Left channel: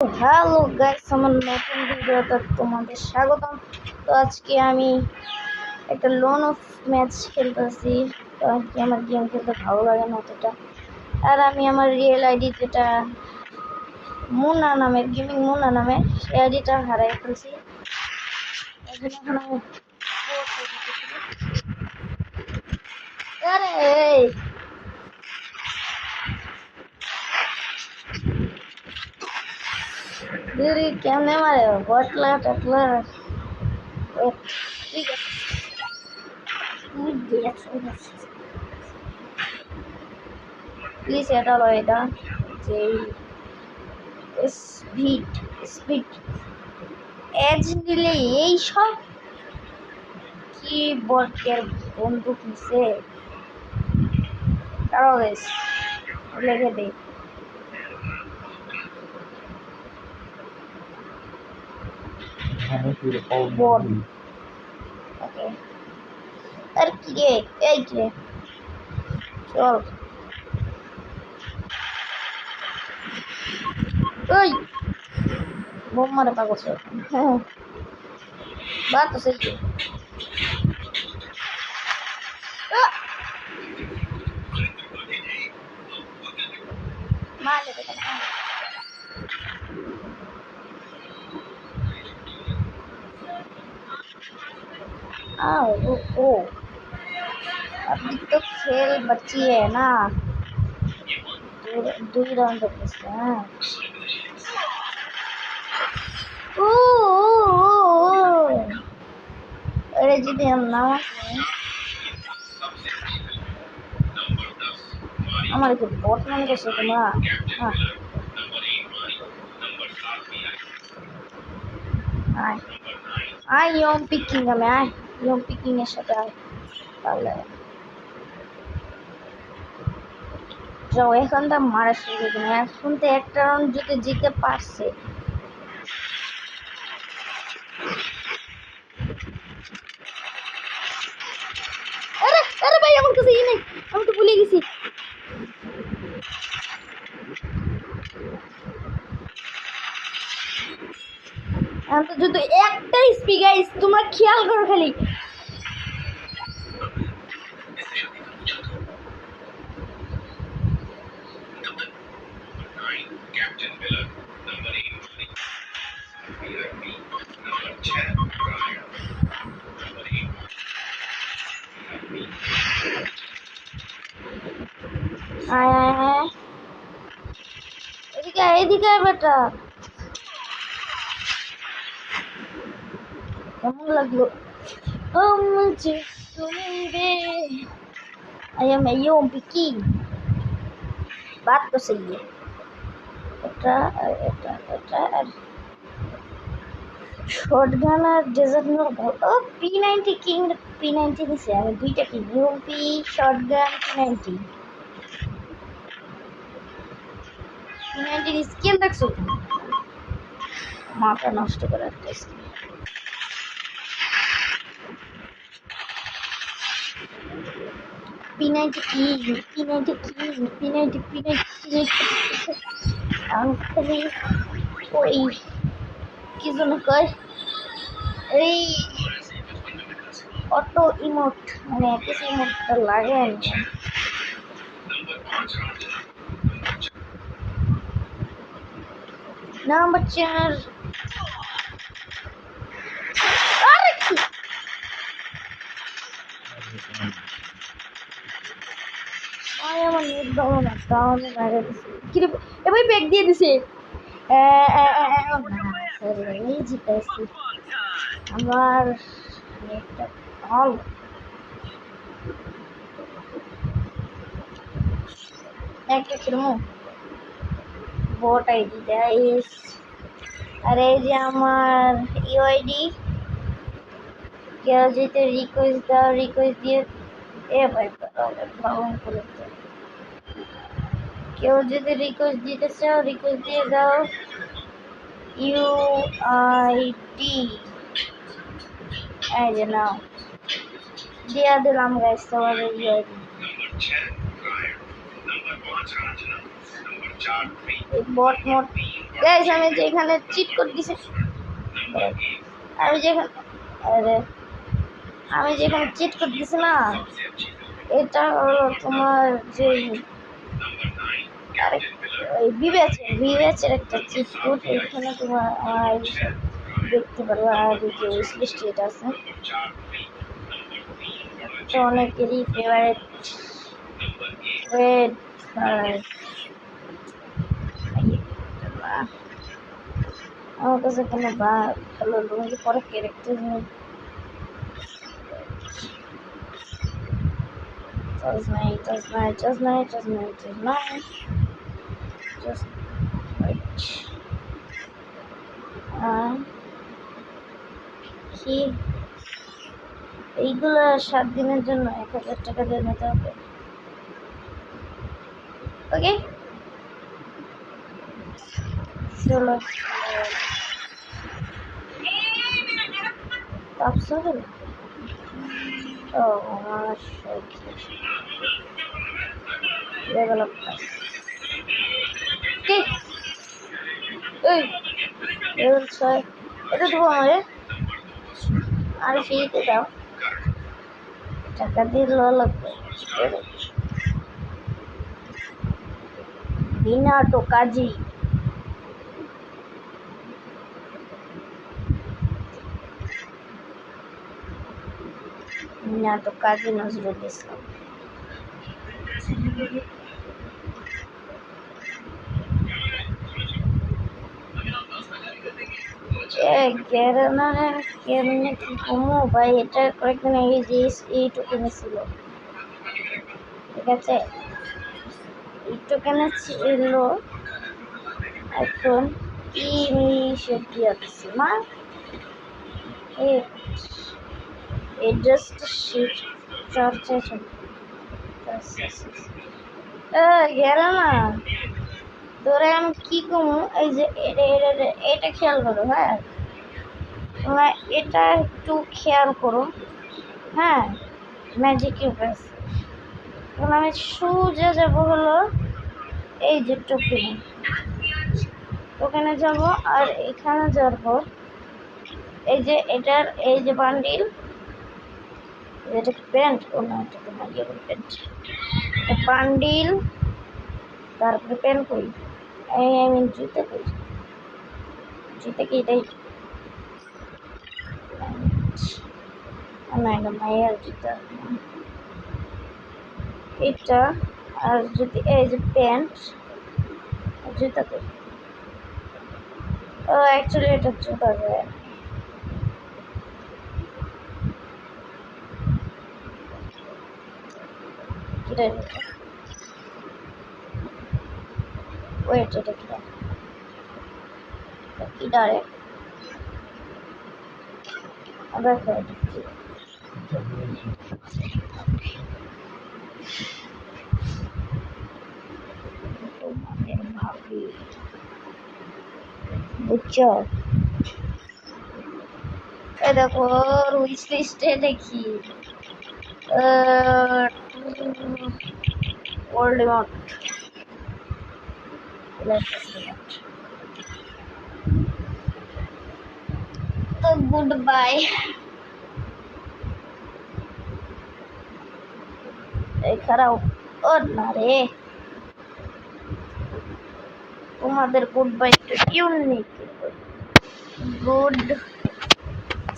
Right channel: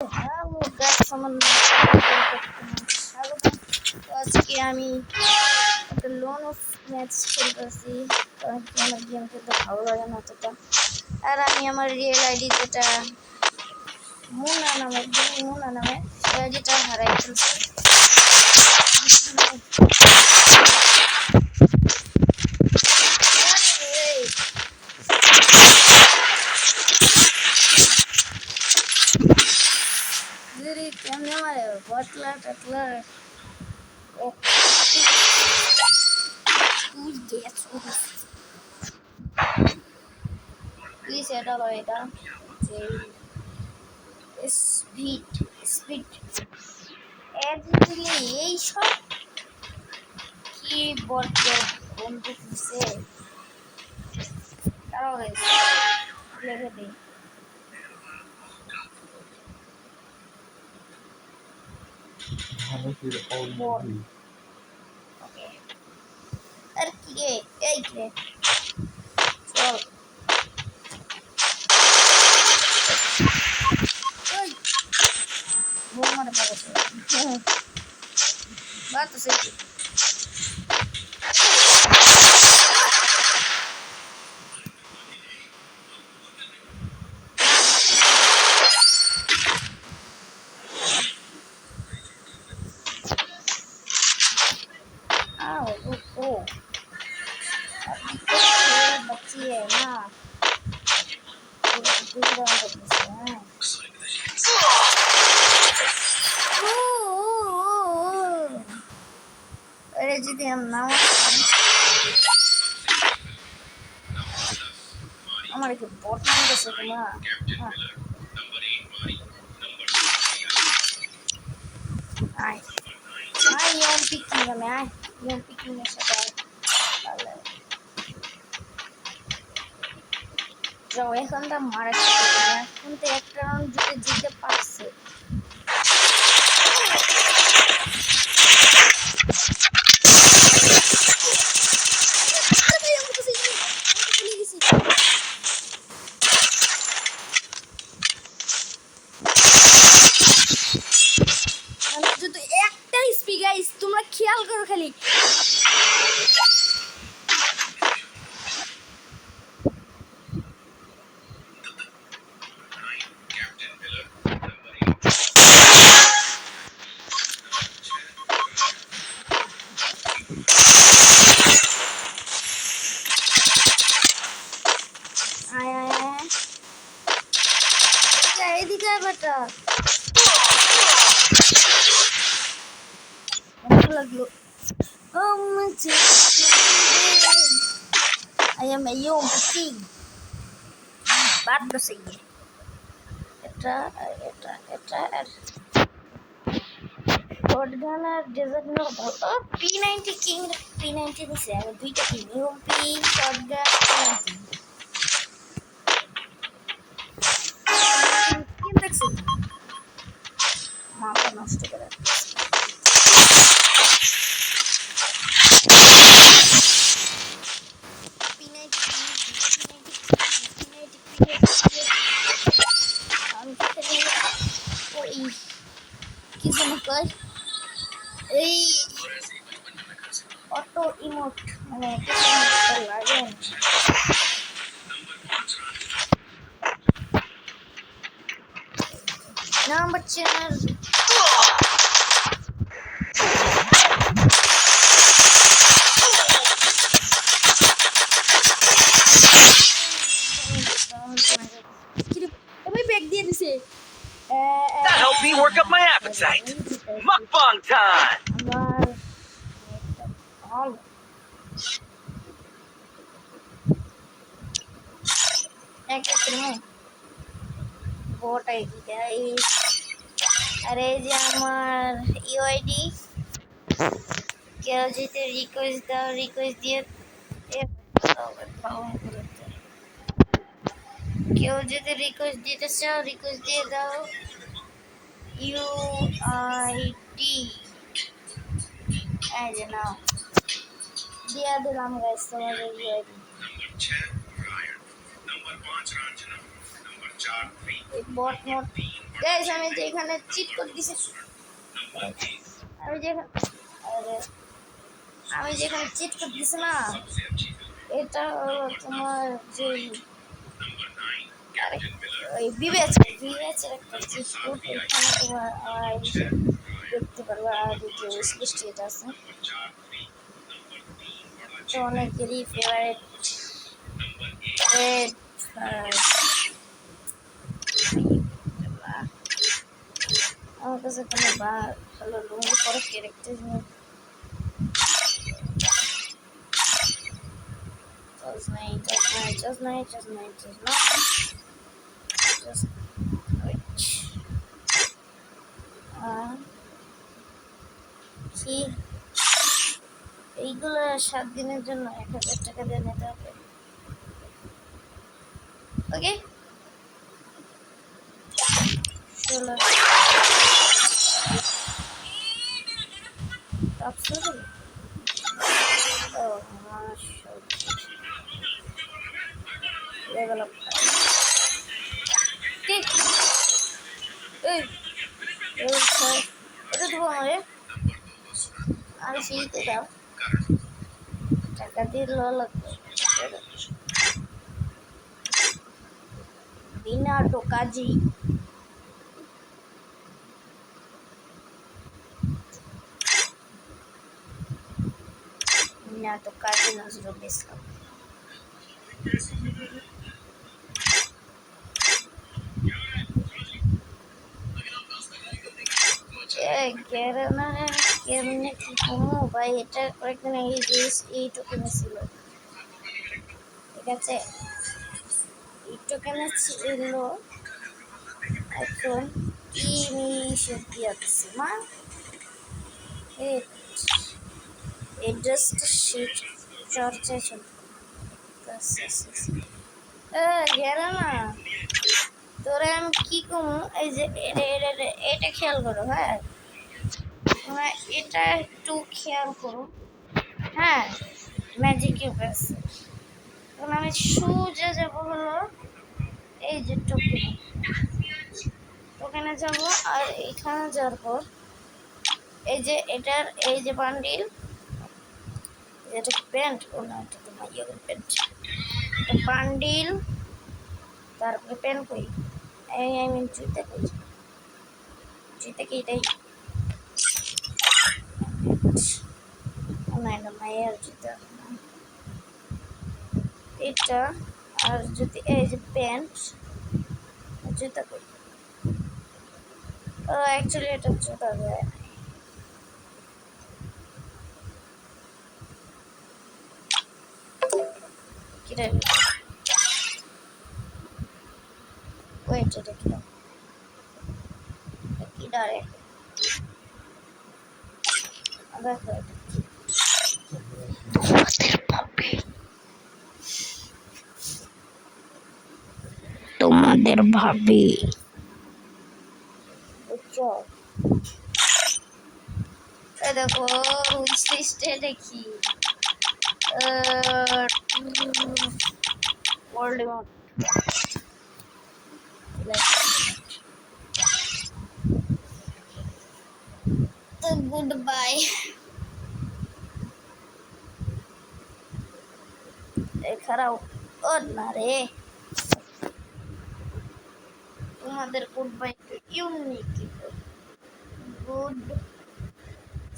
Hello guys, আমার নতুন ভিডিওতে তোমাদের স্বাগতম। তো আজকে আমি একটা লোন অফ ম্যাচ খেলতেছি। তো আজকে আমার গেম খেলতে ভালো লাগে না অতটা। আর আমি আমার রিয়েল আইডি যেটা মুনা নামে সেই আইডিটা হারাই ফেলছি। দিদি কেমনে মারে বটলা টটলা কি সেটা হলো এটা যে স্পিড স্পিড এজ দিলে এই সব কি বটের বন্ধু কিসে কারো লেগে দেই বট। ওকে আর কি রে এই রে চল ওই বোম মারে পাগল হ্যাঁ বাত তো সেই ओ अभी तो खेल बची है ना दो राउंड हैं। अरे जी हम ना हमारे को बॉट नाम कैसे तुम्हारा हाँ आए आए योम पिकिंग में आए योम पिकिंग है शक्ल चले যাও এখন তো মারা শুরু না এখন তো একটা রাউন্ড যদি জিতে পারছে আরে আরে ভাই আমার কাছে নেই আমি তো ভুলে গেছি আমি যদি একটা স্পি গাইস তোমরা খেয়াল করো খালি आय आय आय एदिके आय बेटा हमको लगलो मुझे आई एम योम पिकिंग बात तो सही है এটা শটগান আর ডেজার্ট নো ও P90 কিং P90 নিছে আমি দুইটা king UP shotgun P90 skill দেখছো মাথা নষ্ট করে P90 আমি খালি ওই কি যেন কয় এই অটো ইমোট মানে কিছু লাগে নাম্বার চেনার ভাই ব্যাগ দিয়ে দিছে Help me work up my appetite. Mukbang time. আমার হল একটা ক্রিমো বট আইডি দেয় আর এই যে আমার ইউআইডি কেউ যদি রিকোয়েস্ট দাও রিকোয়েস্ট দিয়ে এ ভাই ভালো করে কেউ যদি রিকোয়েস্ট দিতে চাও রিকোয়েস্ট দিয়ে দাও ইউআইডি এই যে নাও দিয়া দিলাম গাইস তোমার ইউআইডি बॉट मोड গাইস আমি যে এখানে চিট করে দিছি, আমি যেখানে আরে আমি যেখানে চিট করে দিছি না, এটা হলো তোমার যে ওই বিবেচের একটা চিট কোড। এখানে তোমার দেখতে পারবা। আর এই যে উইশ লিস্টে এটা আছে, তো অনেকেরই ফেভারিট রেড আমার কাছে কোনো ভালো লুঙ্গি পরে ক্যারেক্টার নেই। Just night, just night, just night, just night, just night, just wait. কি এইগুলো 7 দিনের জন্য 1000 টাকা দিয়ে নিতে হবে। ওকে চলো তাপসুল ও আমার ডেভেলপ ঠিক এই স্যার এটা দেবো আমারে আর ফ্রিতে দাও, টাকা দিয়ে লওয়া লাগবে বিনা টোকাজি। বিনা টোকাজি নজরুল ইসলাম। কেমনে কি কমো ভাই, এটা কয়েকদিন আগে এইটুকু ছিল, ঠিক আছে এইটুখানে ছিল। এখন কি মিশে দিয়েছি মা এই ড্রেসটা শীত চর্চায় গেল না তোরা। আমি কি কমু, এই যে এটা খেয়াল করো, হ্যাঁ তোমরা এটা একটু খেয়াল করো, হ্যাঁ ম্যাজিক ইউপাস। এখন আমি সোজা যাবো হলো এই যে টোকেনে যাব, আর এখানে যাওয়ার পর এই যে এটার এই যে বান্ডিল, এটা প্যান্ট ও না, এটা তো ইয়ে প্যান্ট, বান্ডিল তারপরে প্যান্ট করি আই মিন জুতে করি, জুতে কি এটাই না, এটা মায়ের জুতা এটা। আর যদি এই যে প্যান্ট জুতা করি, ও অ্যাকচুয়ালি এটা জুতা যায় কিরে, ওয়েট এটা কি কি ডাইরেক্ট আবার তোমাদের ভাবি বুঝছো। এই দেখো উইশ লিস্টে দেখি ওল্ড মড, তো গুড বাই। খারাপ ও না রে, তোমাদের গুড বাই তো ইউনিক, গুড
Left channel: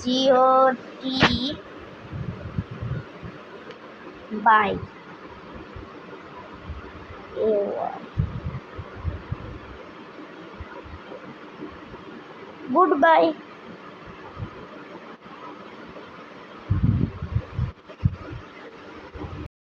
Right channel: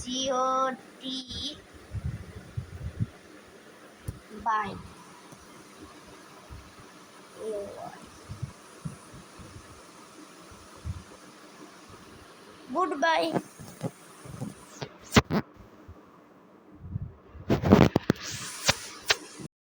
জিওটি বাই গুড বাই।